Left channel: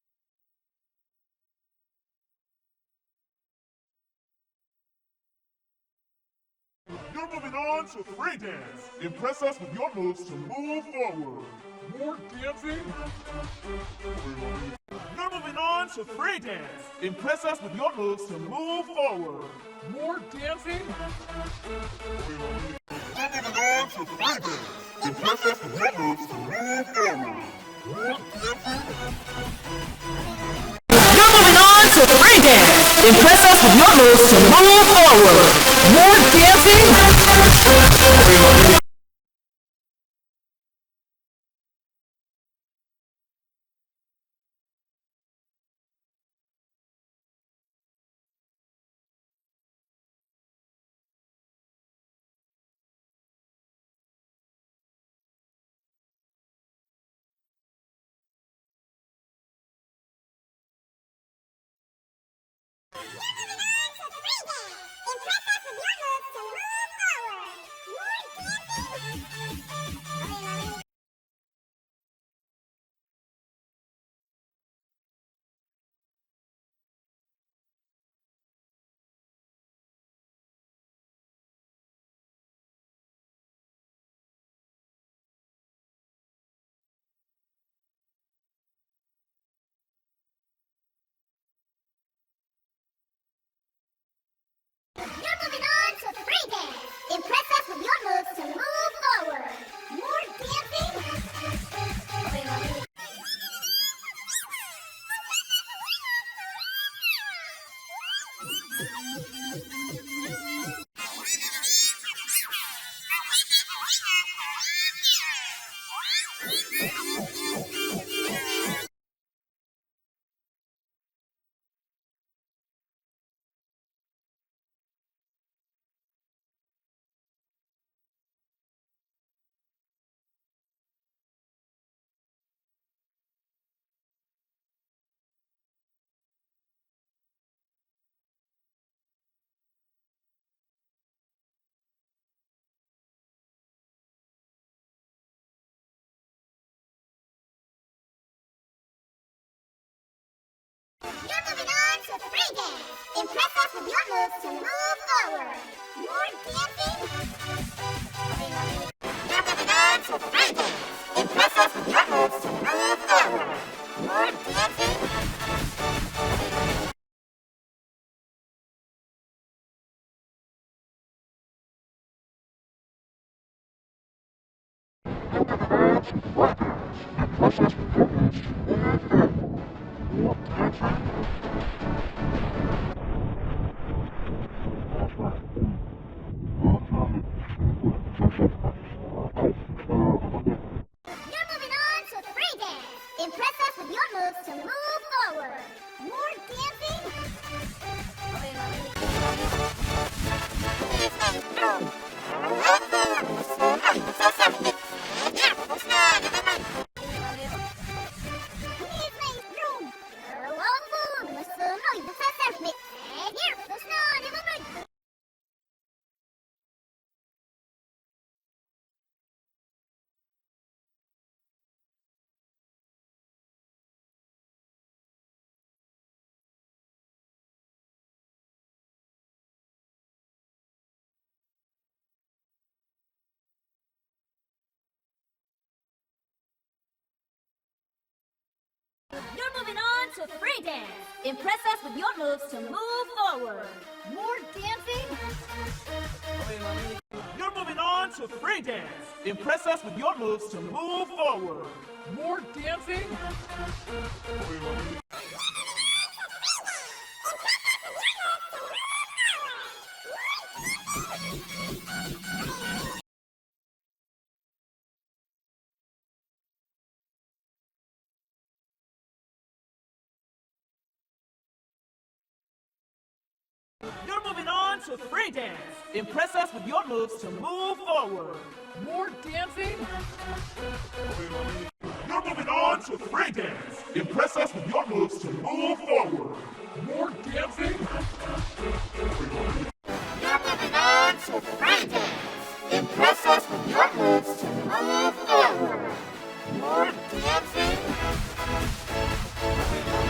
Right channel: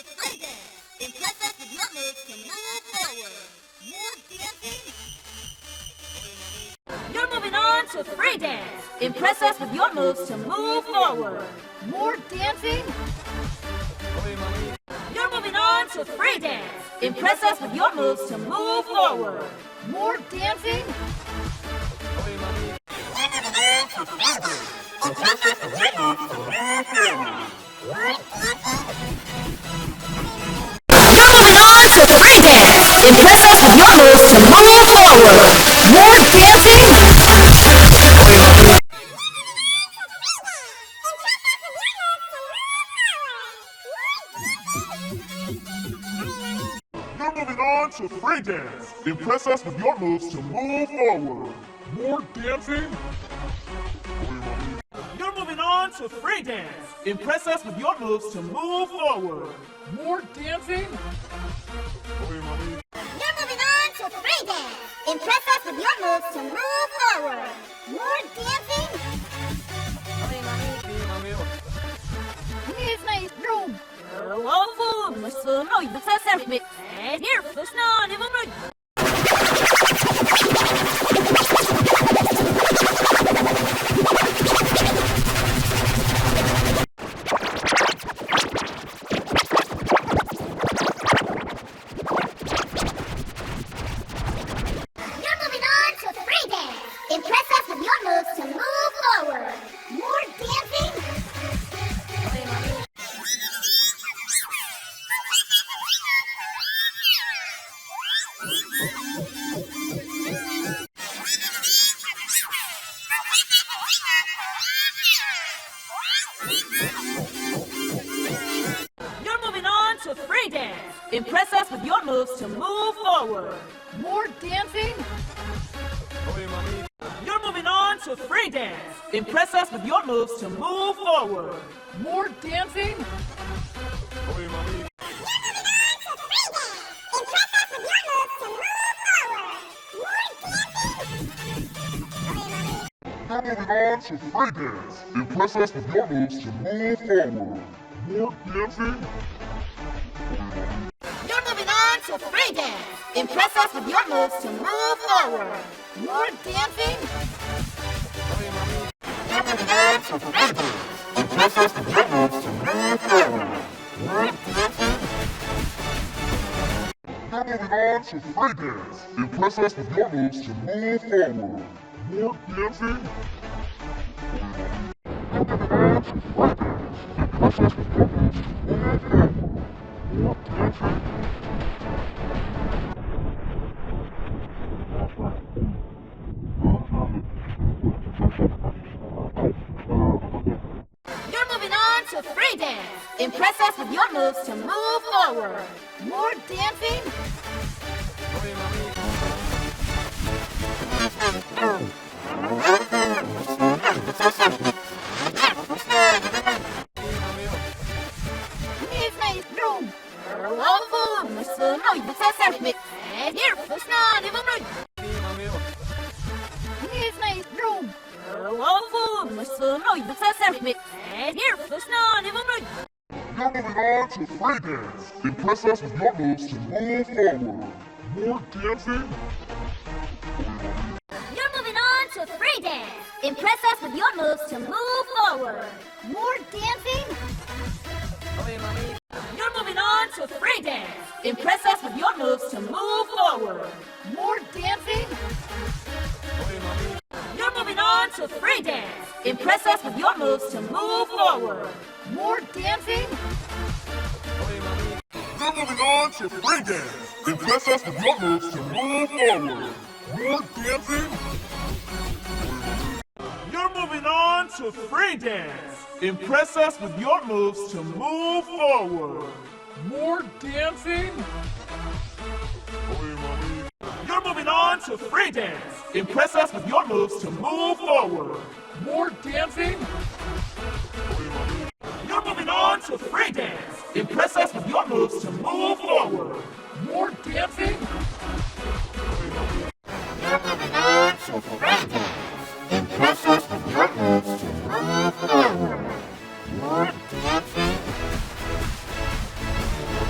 to free dance. Impress us with your moves to move forward. More dancing. You're moving on to free dance. Impress us with your moves to move forward. More dancing. You're moving on to free dance. Impress us with your moves to move forward. More dancing. You're moving on to free dance. Impress us with your moves to move forward. More dancing. You're moving on to free dance. Impress us with your moves to move forward. More dancing. You're moving on to free dance. Impress us with your moves to move forward. More dancing. You're moving on to free dance. Impress us with your moves to move forward. More dancing. You're moving on to free dance. Impress us with your moves to move forward. More dancing. Here's my room. Lawful, Mr. No, you say self-me. And here, the snow, never mind. You're moving on to free dance. Impress us with your moves to move forward. More dancing. You're moving on to free dance. Impress us with your moves to move forward. More dancing. You're moving on to free dance. Impress us with your moves to move forward. More dancing. You're moving on to free dance. Impress us with your moves to move forward. More dancing. You're moving on to free dance. Impress us with your moves to move forward. More dancing. You're moving on to free dance. Impress us with your moves to move forward. More dancing. You're moving on to free dance. Impress us with your moves to move forward. More dancing. You're moving on to free dance. Impress us with your moves to move forward. More dancing. You're moving on to free dance. Impress us with your moves to move forward. More dancing. Here's my room. Lawful, Mr. No, you say self-me. And here, the snow, never mind. Here's my room. Lawful, Mr. No, you say self-me. And here, the snow, never mind. You're moving on to free dance. Impress us with your moves to move forward. More dancing. You're moving on to free dance. Impress us with your moves to move forward. More dancing. You're moving on to free dance. Impress us with your moves to move forward. More dancing. You're moving on to free dance. Impress us with your moves to move forward. More dancing. You're moving on to free dance. Impress us with your moves to move forward. More dancing. You're moving on to free dance. Impress us with your moves to move forward. More dancing. You're moving on to free dance. Impress us with your moves to move forward. More dancing. You're moving on to free dance. Impress us with your moves to move forward. More dancing. You're moving on to free dance. Impress us with your moves to move forward. More dancing.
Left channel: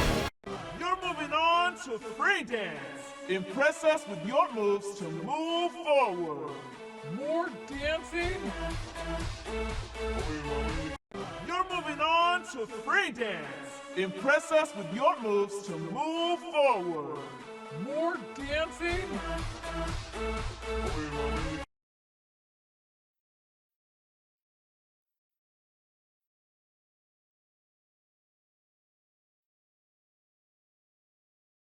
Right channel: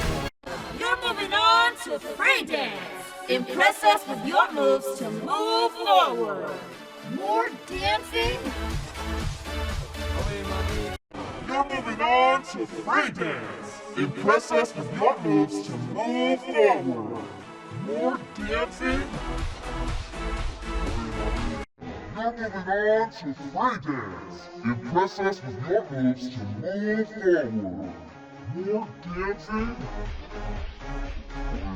to free dance. Impress us with your moves to move forward. More dancing. You're moving on to free dance. Impress us with your moves to move forward. More dancing. You're moving on to free dance. Impress us with your moves to move forward. More dancing.